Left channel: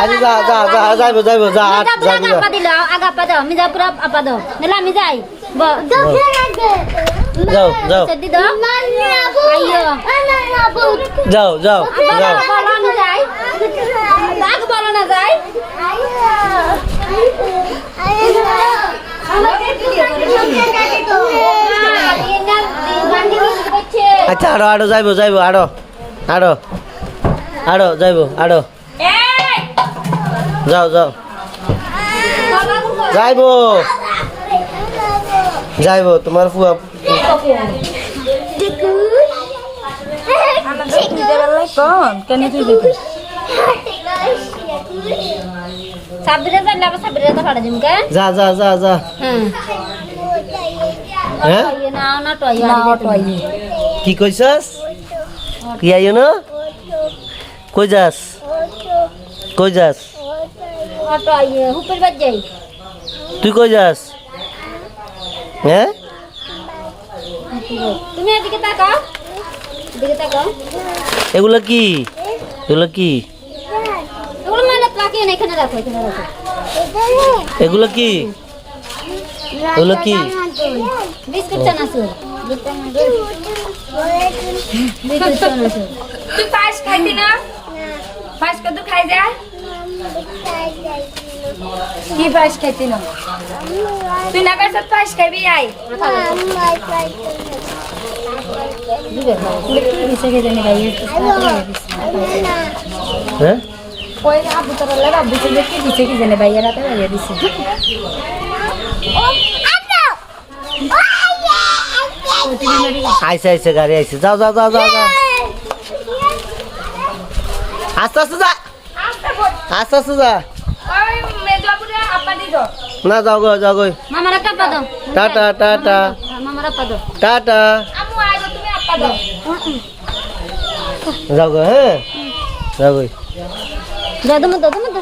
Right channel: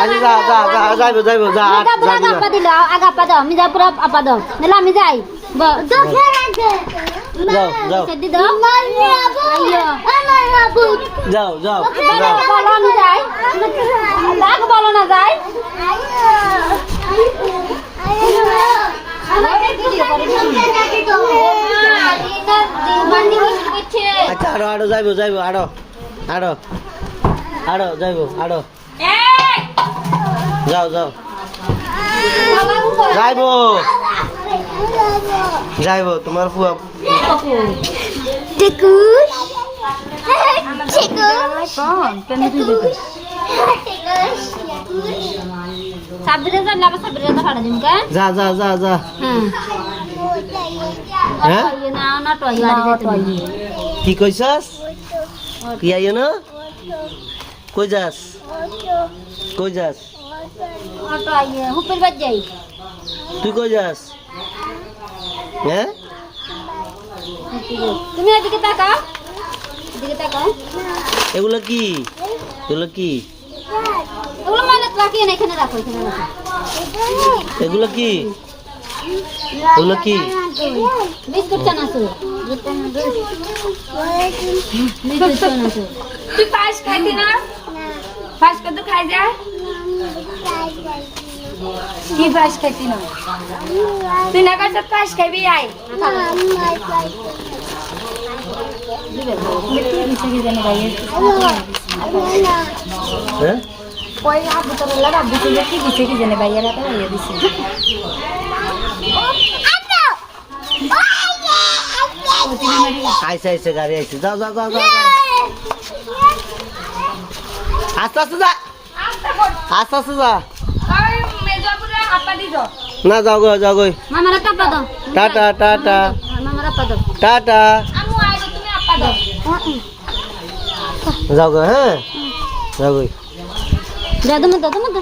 আরে যা যা যা যাইবো যাইবো যা আগা দিল আগা পা দাও আমি যা পুরা আপা দাও নালে আমি যাই যাও যাও সেদি দাও যাও যাও বলো আমি যাই লাগ বলো না যাই আচ্ছা আরো আরো যাইবো যাইবো আরো আরো আরো যাইবো আরো যাও যাও যাইবো যাইবো তোমার ফুয়া যা যা যা যা হ্যাঁ কি কইছস কি আইও না কই যাস কই যাস তুই কই যাস হ্যাঁ তুমি এদিকে তাকাও এদিকে তাকাও এগুলো কি এগুলো কি এগুলো মানে রাখিয়ে না এখানে রাখো এগুলো কি এগুলো কি বিস্কুট চানাচুর তুই পাস খাইবি না পাস কত খাই যা কি পাস খাইতি না তুই না কাছে পাস খাইবি আই হ্যাঁ ওই হাবু তোর লাগা দিছে কি দিছে কি জানে ভাই এরা তো ভাইয়া দিছে আইসে আইসে গাড়ি আইসে যাও যাও যাও যাও যাও আস্তে আস্তে যা আস্তে আস্তে যা ওই মেজবাবুরে আপা দি দাও না যাও গো যাও গো মামারা টাপা দাও টাটা টাটা মামারা পা দাও টাটা আমু আইবো তুমি আপা দাও যাও গো হ্যাঁ যাও গো দাদা মত দাদা মত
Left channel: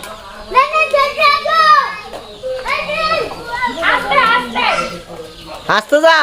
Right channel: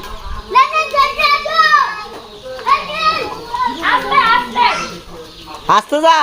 আস্তে আস্তে আস্তে যা